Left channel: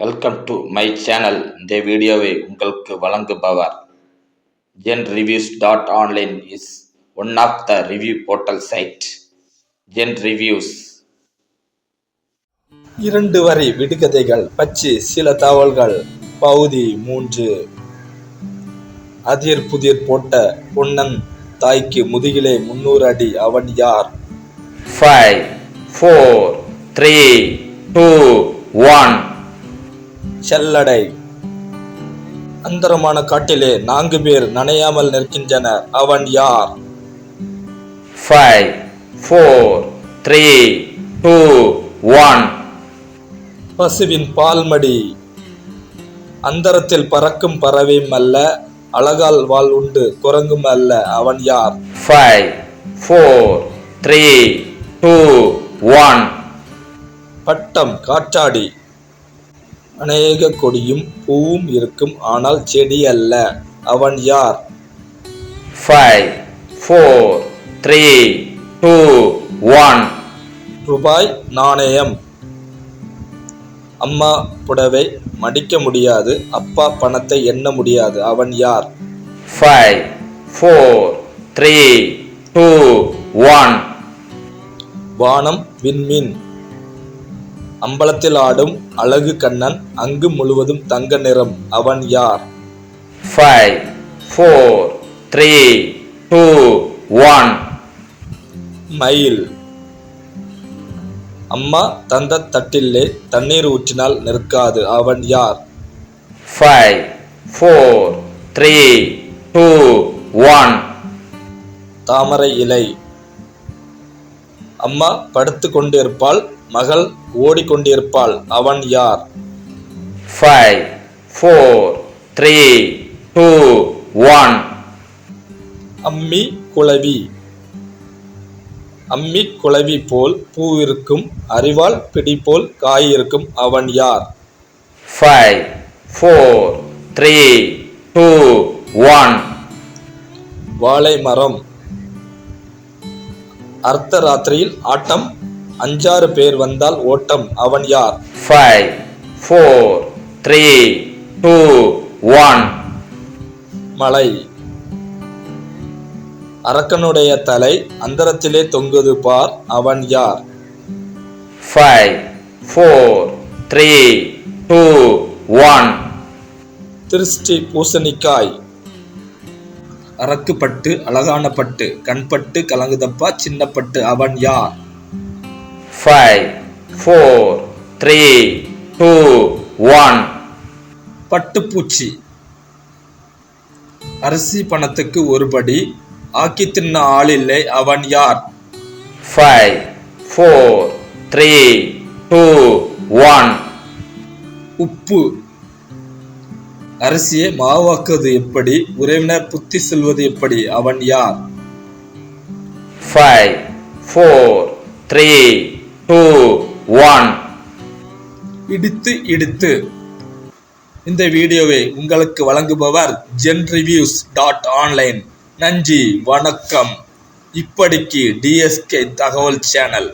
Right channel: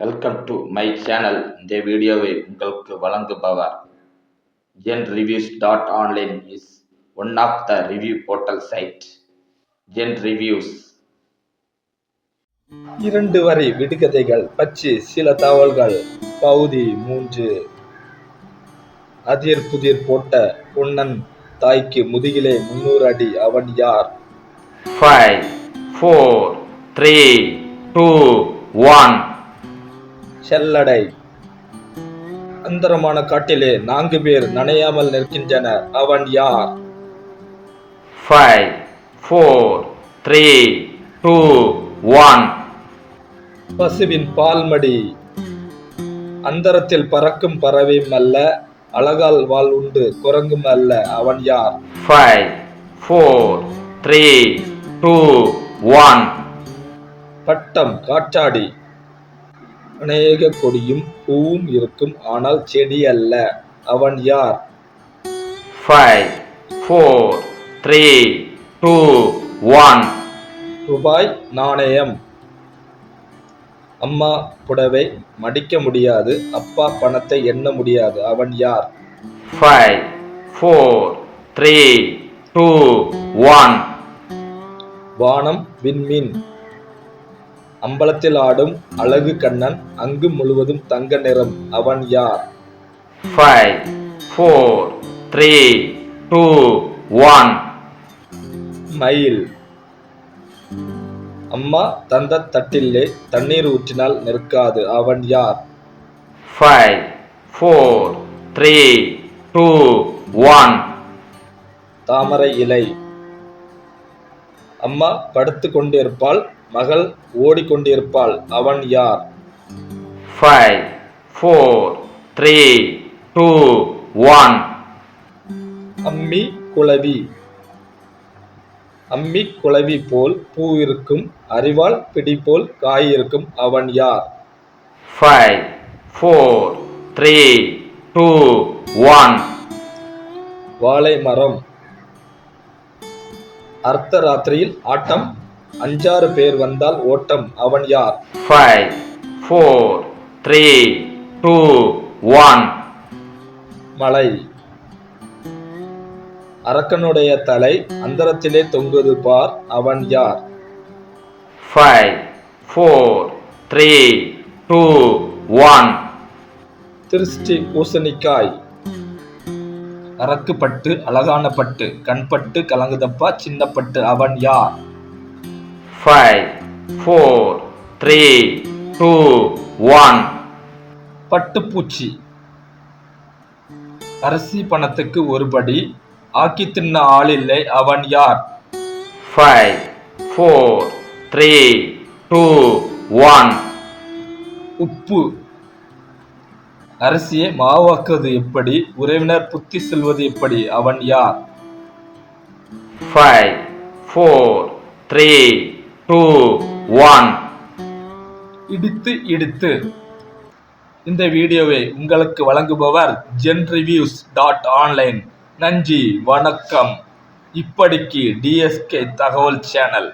Welcome to my channel. இந்த வீடியோவை உங்களுக்கு வழங்குபவர் genreviews.online is one of the review portal site. genreviews 2 வரி விடுகதைகள் பற்றி சில தகவல்கள். பகுதி 3. அதிர் புதிர் போட்ட பொன்னன் தாய்க்கு முதுகிலே 300 அடி. அவன் யார்? 5 4 3 2 1 செல்லடை. அந்தரமான காட்டிலே 4 பேர் நனையாமல் நிற்கின்றனர். அவன் யார்? 5 4 3 2 1 பசுவின் பால்மடி. அந்தரத்தில் பறக்கும் பறவையும் அல்ல, அழகால் வாள் உண்டு குரங்கும் அல்ல. அவன் யார்? 5 4 3 2 1 பட்டம் காற்றாடி. அநேக கொடியும் பூவும் இருக்கும், ஆனால் செடி அல்ல. அவன் யார்? 5 4 3 2 1 ரூபாய் நாணயம். அம்மா புடவை மடிக்க முடியாது, அப்பா பணத்தை எண்ண முடியாது. அவன் யார்? 5 4 3 2 1 வானம் விண்மீன். அம்பலத்தில் ஆடும் அழகு கண்ணன், அங்கு முழுவதும் தங்க நிறம். அவன் யார்? 5 4 3 2 1 மயில். அம்மா தந்த தட்டிலே தண்ணீர் ஊற்றினால் நிற்காது. அவன் யார்? 5 4 3 2 1 தாமரை இலை. அம்மா படுத்து கொண்டிருப்பாள், மகள் ஓடிக்கொண்டிருப்பாள். அவன் யார்? 5 4 3 2 1 அம்மி குளவி. அம்மி குளவி போல் பூ இருக்கும், அறிவால் பிடி போல் காய் இருக்கும். அவன் யார்? 5 4 3 2 1 வாழை மரம். அர்த்த ராத்திரியில் ஆட்டம், 5-6 பேர் வந்தால் ஓட்டம். அவன் யார்? 5 4 3 2 1 மலை. அரக்கனுடைய தலை அந்தரத்திலே தொங்குது பார். அவன் யார்? 5 4 3 2 1 திருஷ்டி பூசணிக்காய். அரக்கு பட்டு அழகான பட்டு, கண்பட்டு கலங்குதப்பா சின்ன பட்டு. அவன் யார்? 5 4 3 2 1 பட்டுப்பூச்சி. அரிசி பணத்துக்கு ஒரு படி, ஆக்கி தின்ன ஆளில்லை. அவன் யார்? 5 4 3 2 1 உப்பு. அரிசியை மாவாக்குவது எப்படி, உறவினர் புத்தி சொல்வது எப்படி? அவன் யார்? 5 4 3 2 1 இடித்து இடித்து. இந்த வீடியோவை உங்களுக்கு வழங்குபவர் genreviews.online. நன்றி, வணக்கம். இப்படிக்கு DSK தகவல் சேனல்.